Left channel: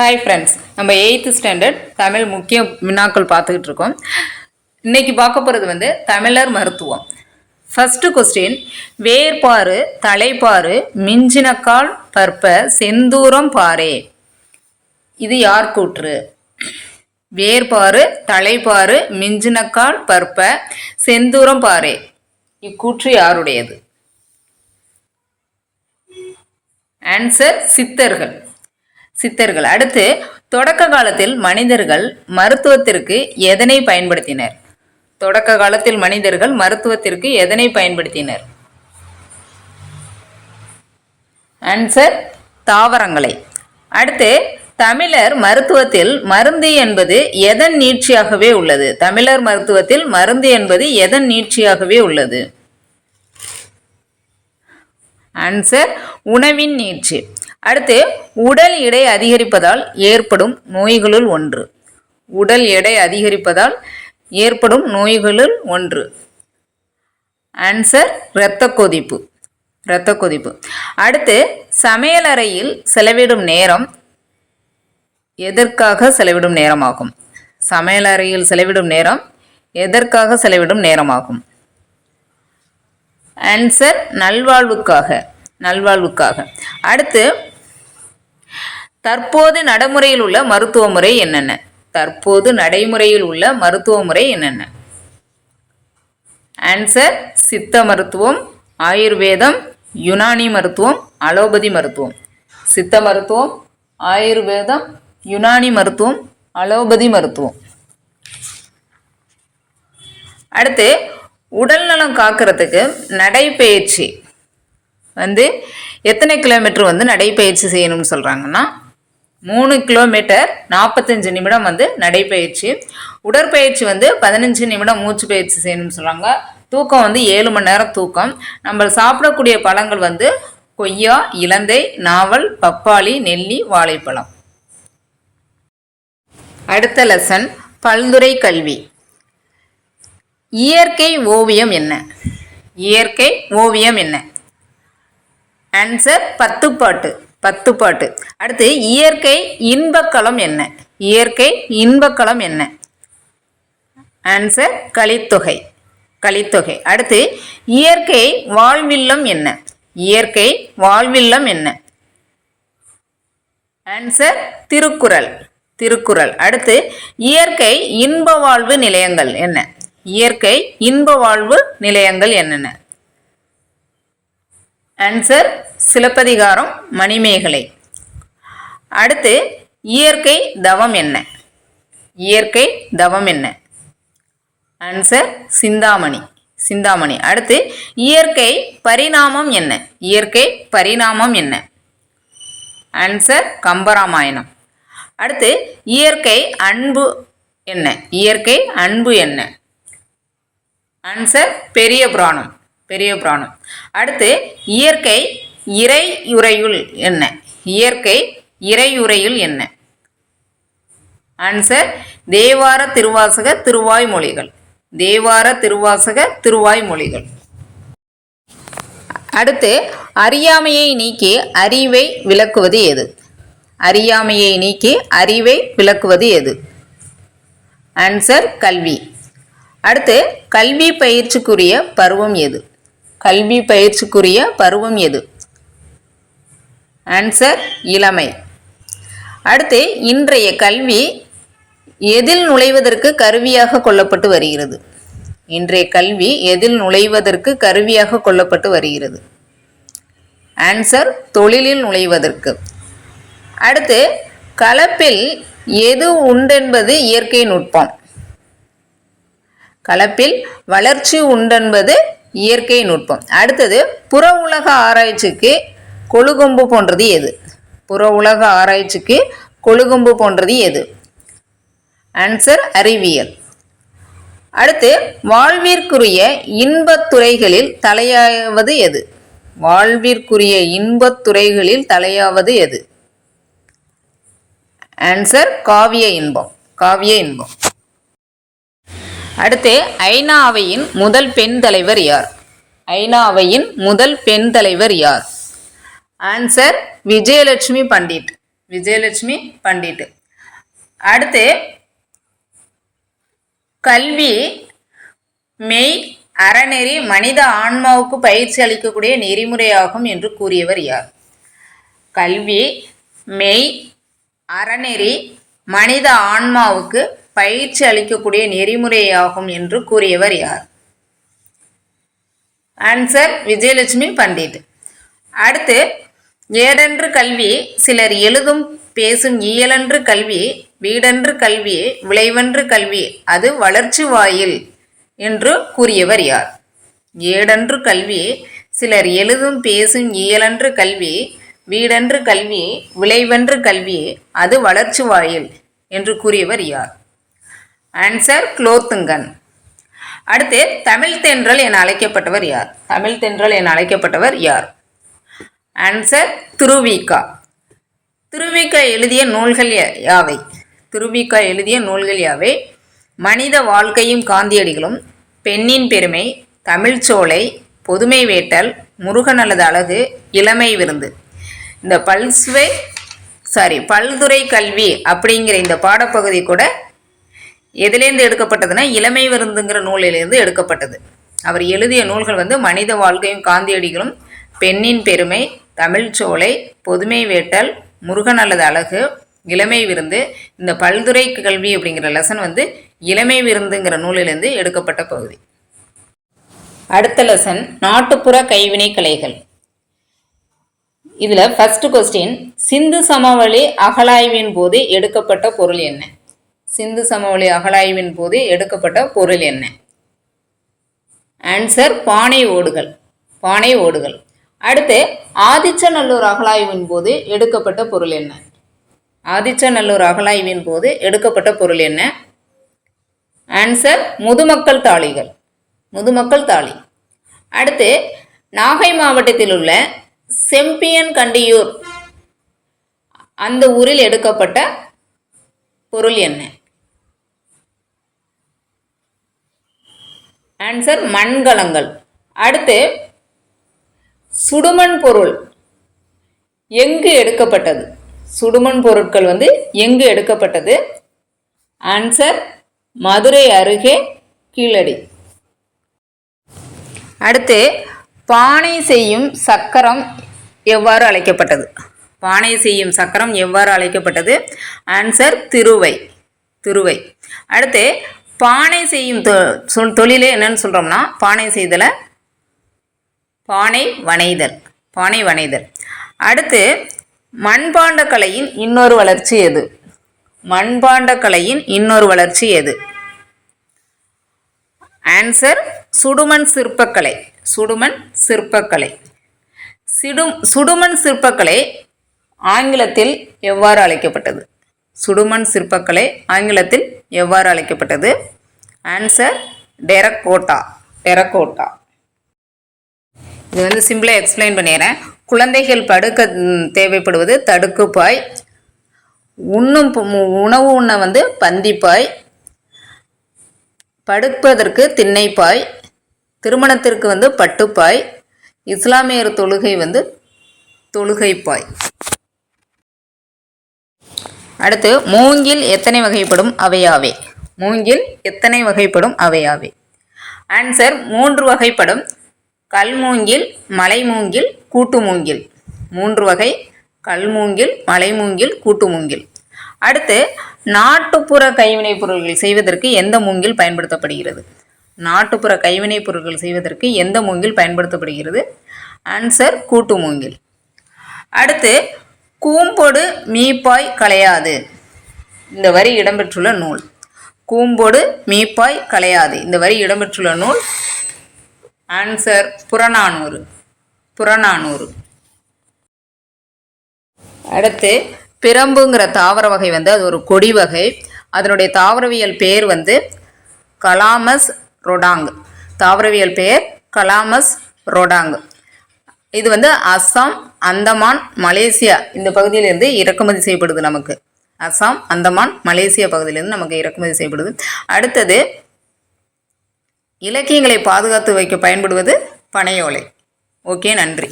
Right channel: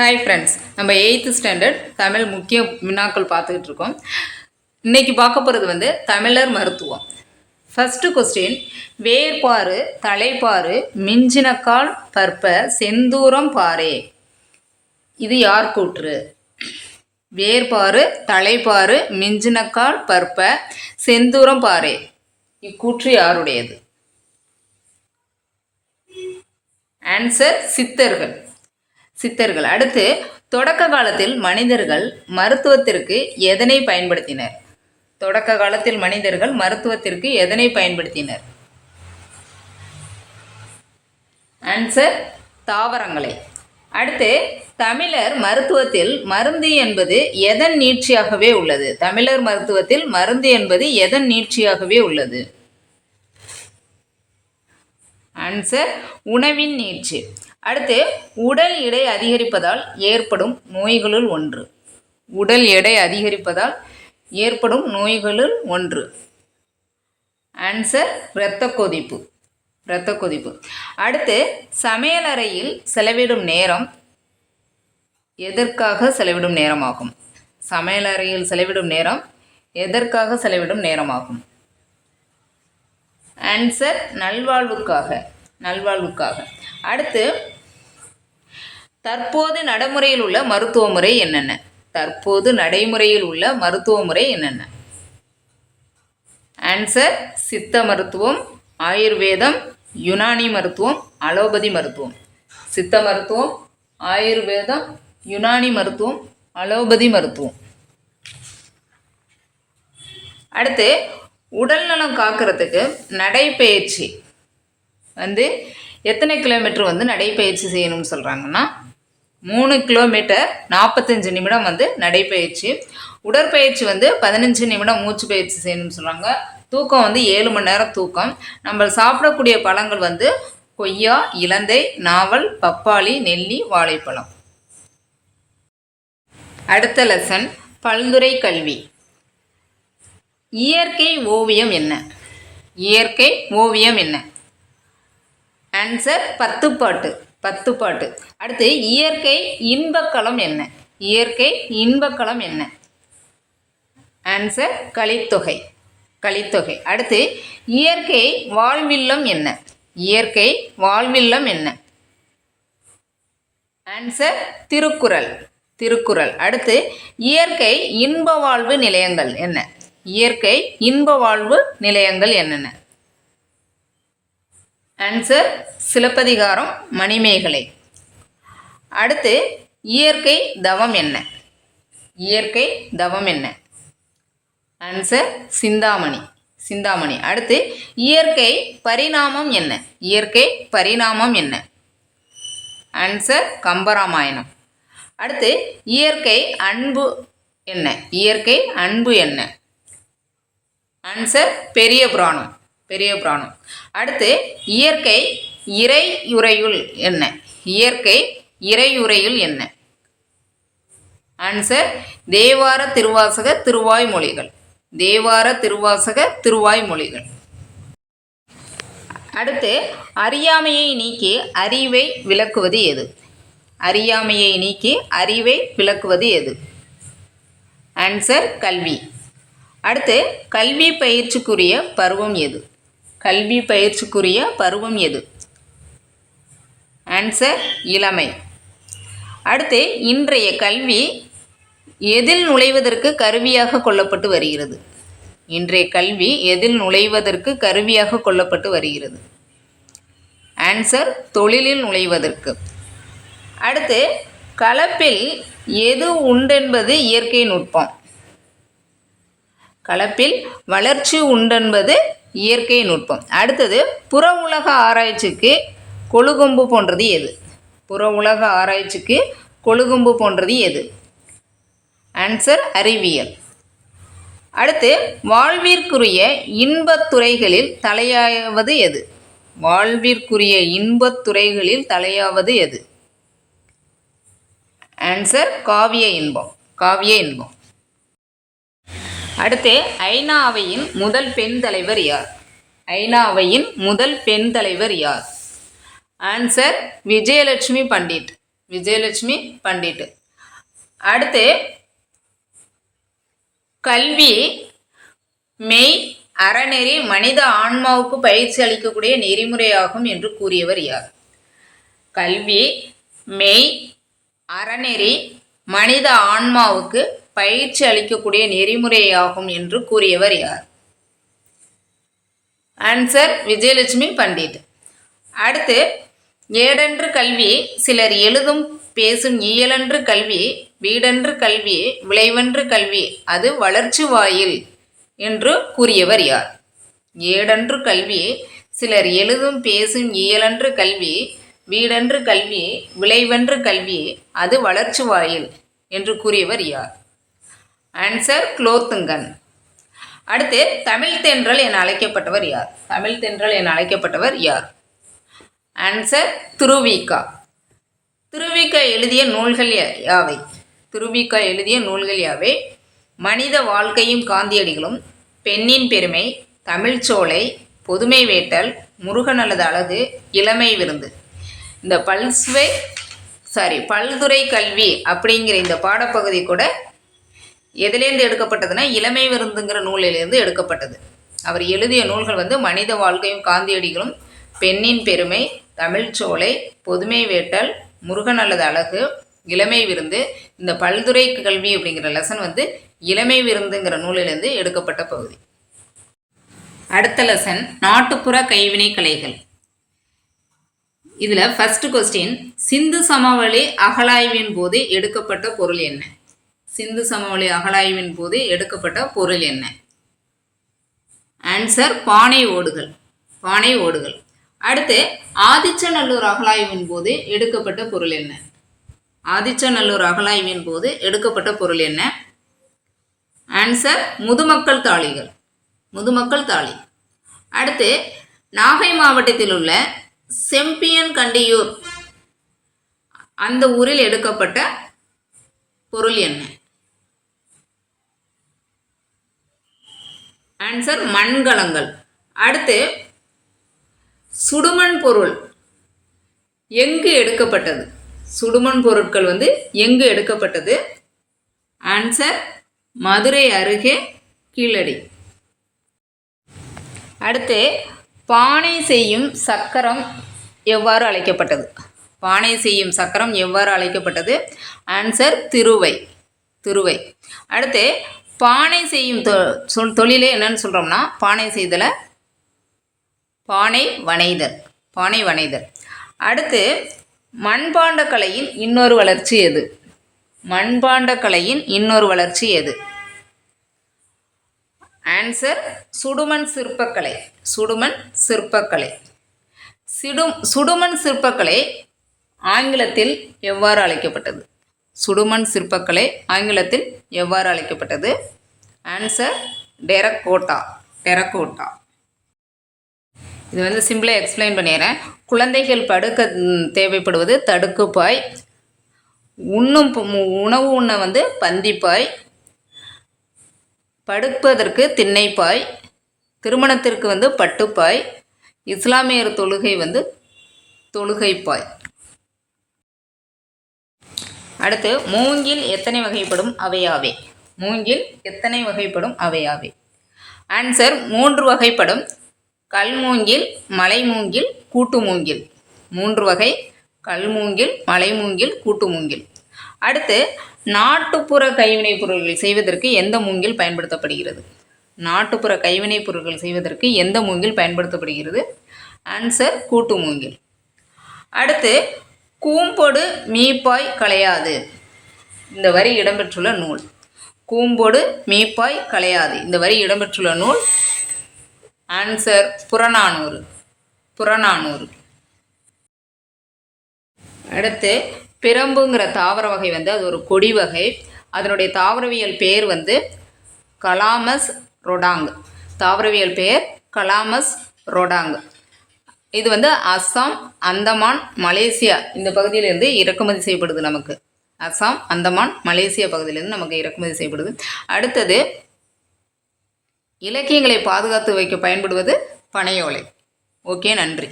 Hi friends நம்ம eighth standard Tamil முக்கிய வினாக்கள் பார்த்துக்கிட்டு இருக்கோம். இன்றைக்கி பார்க்க போகிறது வந்து தமிழர் மருத்துவம். ஃபஸ்ட்டு கொஸ்டின் வேர்பாறு தலைப்பாறு மிஞ்சினக்கால் பற்ப செந்தூரம் பாரே இது யார் கூற்று? வேர்பாறு தலைப்பாறு மிஞ்சினக்கால் பற்ப செந்தூரம் பாரே இக்கூற்று யாருடையது? ஆன்சர் சித்தர்கள். சித்தர்கள். அடுத்து தொடக்க காலத்தில் மனிதர்கள் மருத்துவத்திற்கு எதனை பயன்படுத்தினர்? தொடக்க காலத்தில் மனிதர்கள் மருத்துவத்திற்கு எதனை பயன்படுத்தினர்? ஆன்சர் தாவரங்களை. அடுத்து தமிழர் மருத்துவத்தில் மருந்து என்பது எதன் நீட்சியாகவே உள்ளது? தமிழர் மருத்துவத்தில் மருந்து என்பது எதன் நீட்சியாகவே உள்ளது? ஆன்சர் உணவின் நீட்சி. அடுத்து உடல் எடை அதிகரிப்பதால் ஏற்படும் நோய்களுள் ஒன்று. உடல் எடை அதிகரிப்பதால் ஏற்படும் நோய்களுள் ஒன்று. ஆன்சர் இரத்த கொதிப்பு. இரத்த கொதிப்பு. அடுத்து சமையலறையில் செலவிடும் நேரம் எதற்காக செலவிடும் நேரமாகும்? சமையலறையில் செலவிடும் நேரம் எதற்காக செலவிடும் நேரமாகும்? ஆன்சர் நல்வாழ்வுக்காக. நல்வாழ்வுக்காக. அடுத்து தற்போது நடைமுறையில் உள்ள மருத்துவ முறை என்னென்ன? தற்போது நடைமுறையில் உள்ள மருத்துவ முறை என்னென்ன? ஆன்சர் சித்த மருத்துவம் ஆயுர்வேதம் யுனானி மருத்துவம் அலோபதி மருத்துவம். சித்த மருத்துவம் ஆயுர்வேதம் யுனானி மருத்துவம் அலோபதி மருத்துவம். அடுத்து உடல் நலம் காக்கிறதுக்கு நடைப்பயிற்சி வந்து எத்தனை கிலோமீட்டர் வந்து நடைப்பயிற்சி செய்யணும்னு சொல்கிறாங்கன்னா மூணு கிலோமீட்டர் நாற்பத்தஞ்சு நிமிடம் வந்து நடைப்பயிற்சி உடற்பயிற்சி வந்து பதினஞ்சு நிமிடம் மூச்சு பயிற்சி செய்யணும்னு சொல்கிறாங்க தூக்கம் வந்து ஏழு மணி நேரம் தூக்கம். நம்ம சாப்பிடக்கூடிய பழங்கள் வந்து கொய்யா இலந்தை நாவல் பப்பாளி நெல்லி வாழைப்பழம். அடுத்த லெசன் பல்துறை கல்வி. இயற்கை ஓவியம் என்ன? இயற்கை ஓவியம் என்ன? ஆன்சர் பத்துப்பாட்டு. பத்துப்பாட்டு. அடுத்து இயற்கை இன்பக்களம் என்ன? இயற்கை இன்பக்களம் என்ன? ஆன்சர் கலித்தொகை. கலித்தொகை. அடுத்து இயற்கை வாழ்வில்லம் என்ன? இயற்கை வாழ்வில்லம் என்ன? ஆன்சர் திருக்குறள். திருக்குறள். அடுத்து இயற்கை இன்ப வாழ்வு நிலையங்கள் என்ன? இயற்கை இன்ப வாழ்வு நிலையங்கள் என்னென்ன? ஆன்சர் சிலப்பதிகாரம் மணிமேகலை. அடுத்து இயற்கை தவம் என்ன? இயற்கை தவம் என்ன? ஆன்சர் சிந்தாமணி சிந்தாமணி. அடுத்து இயற்கை பரிணாமம் என்ன? இயற்கை பரிணாமம் என்ன? ஆன்சர் கம்பராமாயணம். அடுத்து இயற்கை அன்பு என்ன? இயற்கை அன்பு என்ன? ஆன்சர் பெரிய புராணம். பெரிய புராணம். அடுத்து இயற்கை இறையுறையுள் என்ன? இயற்கை இறையுறையுள் என்ன? ஆன்சர் தேவார திருவாசக திருவாய்மொழிகள் தேவார திருவாசக திருவாய்மொழிகள் அடுத்து அறியாமையை நீக்கி அறிவை விளக்குவது எது அறியாமையை நீக்கி அறிவை விளக்குவது எது ஆன்சர் கல்வி. அடுத்து கல்வி பயிற்சிக்குரிய பருவம் எது கல்வி பயிற்சிக்குரிய பருவம் எது? ஆன்சர் இளமை. அடுத்து இன்றைய கல்வி எதில் நுழைவதற்கு கருவியாக கொள்ளப்பட்டு வருகிறது? இன்றைய கல்வி எதில் நுழைவதற்கு கருவியாக கொள்ளப்பட்டு வருகிறது? ஆன்சர் தொழிலில் நுழைவதற்கு. அடுத்து கலப்பில் எது உண்டென்பது இயற்கை நுட்பம். கலப்பில் வளர்ச்சி உண்டென்பது இயற்கை நுட்பம். அடுத்தது புற உலக ஆராய்ச்சிக்கு கொழுகொம்பு போன்றது எது? புற உலக ஆராய்ச்சிக்கு கொழுகொம்பு போன்றது எது? ஆன்சர் அறிவியல். அடுத்து வாழ்விற்குரிய இன்பத் துறைகளில் தலையாவது எது? வாழ்விற்குரிய இன்பத் துறைகளில் தலையாவது எது? ஆன்சர் காவிய இன்பம். காவிய இன்பம். அடுத்து ஐநா அவையின் முதல் பெண் தலைவர் யார்? ஐநா அவையின் முதல் பெண் தலைவர் யார்? ஆன்சர் விஜயலட்சுமி பண்டிட். விஜயலட்சுமி பண்டிட். அடுத்து கல்வி மெய் அறநெறி மனித ஆன்மாவுக்கு பயிற்சி அளிக்கக்கூடிய நெறிமுறையாகும் என்று கூறியவர் யார்? கல்வி மெய் அறநெறி மனித ஆன்மாவுக்கு பயிற்சி அளிக்கக்கூடிய நெறிமுறையாகும் என்று கூறியவர் யார்? ஆன்சர் விஜயலட்சுமி பண்டிட். அடுத்து ஏடன்று கல்வி சிலர் எழுதும் பேசும் இயலன்று கல்வி வீடன்று கல்வி விளைவென்று கல்வி அது வளர்ச்சி வாயில் என்று கூறியவர் யார்? ஏடன்று கல்வி சிலர் எழுதும் பேசும் இயலன்று கல்வி வீடன்று கல்வி விளைவென்று கல்வி அது வளர்ச்சி வாயில் என்று கூறியவர் யார்? ஆன்சர் குலோத்துங்கன் அடுத்து தமிழ் தென்றல் என அழைக்கப்பட்டவர் யார்? தமிழ் தென்றல் என அழைக்கப்பட்டவர் யார்? ஆன்சர் துருவிகா துருவிகா எழுதிய நூல்கள் யாவை? துருவிகா எழுதிய நூல்கள் யாவை? மனித வாழ்க்கையும் காந்தியடிகளும் பெண்ணின் பெருமை தமிழ்ச்சோலை பொதுமை வேட்டல் முருகன் அல்லது அழகு இளமை விருந்து. இந்த பல்ஸ்வே சாரி பல்துறை கல்வி அப்படிங்கிற இந்த பாடப்பகுதி கூட எதுலேருந்து எடுக்கப்பட்டதுன்னா இளமை விருந்துங்கிற நூலிலிருந்து எடுக்கப்பட்டது. அவர் எழுதிய நூல்கள் வந்து மனித வாழ்க்கையும் காந்தியடிகளும் பெண்ணின் பெருமை தமிழ்ச்சோலை பொதுமை வேட்டல் முருகன் அல்லது அழகு இளமை விருந்து இந்த பல்துறை கல்வி அப்படிங்கிற லெசன் வந்து இளமை விருந்துங்கிற நூலிலிருந்து எடுக்கப்பட்ட பகுதி. அடுத்த லெசன் நாட்டுப்புற கைவினை கலைகள். இதில் ஃபஸ்ட்டு கொஸ்டின் சிந்து சமவெளி அகலாய்வின் போது எடுக்கப்பட்ட பொருள் என்ன? சிந்து சமவெளி அகழாய்வின் போது எடுக்கப்பட்ட பொருள் என்ன? ஆன்சர் பானை ஓடுகள். பானை ஓடுகள். அடுத்து ஆதிச்சநல்லூர் அகழாய்வின் போது எடுக்கப்பட்ட பொருள் என்ன? ஆதிச்சநல்லூர் அகழாய்வின் போது எடுக்கப்பட்ட பொருள் என்ன? ஆன்சர் முதுமக்கள் தாளிகள். முதுமக்கள் தாளி. அடுத்து நாகை மாவட்டத்தில் உள்ள செம்பியன் கண்டியூர் அந்த ஊரில் எடுக்கப்பட்ட பொருள் என்ன? ஆன்சர் மண்கலங்கள். அடுத்து சுடுமண் பொருள். எங்கு எடுக்கப்பட்டது? சுடுமண் பொருட்கள் வந்து எங்கு எடுக்கப்பட்டது? ஆன்சர் மதுரை அருகே கீழடி. அடுத்து பானை செய்யும் சக்கரம் எவ்வாறு அழைக்கப்பட்டது? பானை செய்யும் சக்கரம் எவ்வாறு அழைக்கப்பட்டது? ஆன்சர் திருவை. திருவை. அடுத்து பானை செய்யும் தொழிலே என்னன்னு சொல்கிறோம்னா பானை செய்தலை பானை வனைதல் பானை வனைதல் அடுத்து மண்பாண்ட கலையின் இன்னொரு வளர்ச்சி எது? மண்பாண்ட கலையின் இன்னொரு வளர்ச்சி எது? ஆன்சர் சுடுமண் சிற்பக்கலை சுடுமண் சிற்பக்கலை. சிடும் சுடுமண் சிற்பக்கலை ஆங்கிலத்தில் எவ்வாறு அழைக்கப்பட்டது? சுடுமண் சிற்பக்கலை ஆங்கிலத்தில் எவ்வாறு அழைக்கப்பட்டது? ஆன்சர் டெரக்கோட்டா டெரக்கோட்டா இது வந்து சிம்பிளாக எக்ஸ்பிளைன் பண்ணிடுறேன். குழந்தைகள் படுக்க தேவைப்படுவது தடுக்குப்பாய். உண்ணும் உணவு உண்ண வந்து பந்திப்பாய். படுப்பதற்கு திண்ணைப்பாய். திருமணத்திற்கு வந்து பட்டுப்பாய். இஸ்லாமியர் தொழுகை வந்து தொழுகைப்பாய். அடுத்து மூங்கில் எத்தனை வகைப்படும்? அவையாவே. மூங்கில் எத்தனை வகைப்படும்? அவையாவே. ஆன்சர் மூன்று வகைப்படும். கல்மூங்கில் மலைமூங்கில் கூட்டு மூங்கில். மூன்று வகை. கல்மூங்கில் மலைமூங்கில் கூட்டு மூங்கில். அடுத்து நாட்டுப்புற கைவினைப் பொருட்கள் செய்வதற்கு எந்த மூங்கில் பயன்படுத்தப்படுகிறது? நாட்டுப்புற கைவினைப் பொருட்கள் செய்வதற்கு எந்த மூங்கில் பயன்படுத்தப்படுகிறது? ஆன்சர் கூட்டு மூங்கில். அடுத்து கூம்பொடு மீப்பாய் களையாது. இந்த வரி இடம்பெற்றுள்ள நூல். கூம்பொடு மீப்பாய் களையாது. இந்த வரி இடம்பெற்றுள்ள நூல் ஆன்சர் புறநானூறு. புறநானூறு. அடுத்து பிரம்புங்கிற தாவர வகை வந்து அது ஒரு கொடி வகை. அதனுடைய தாவரவியல் பெயர் வந்து கலாமஸ் ரொடாங் தாவரவியல் பெயர் கலாமஸ் ரொடாங் இது வந்து அஸ்ஸாம் அந்தமான் மலேசியா இந்த பகுதியிலேருந்து இறக்குமதி செய்யப்படுது நமக்கு. அஸ்ஸாம் அந்தமான் மலேசியா பகுதியிலேருந்து நமக்கு இறக்குமதி செய்யப்படுது. அடுத்தது இலக்கியங்களை பாதுகாத்து வைக்க பயன்படுவது பனையோலை. ஓகே நன்றி.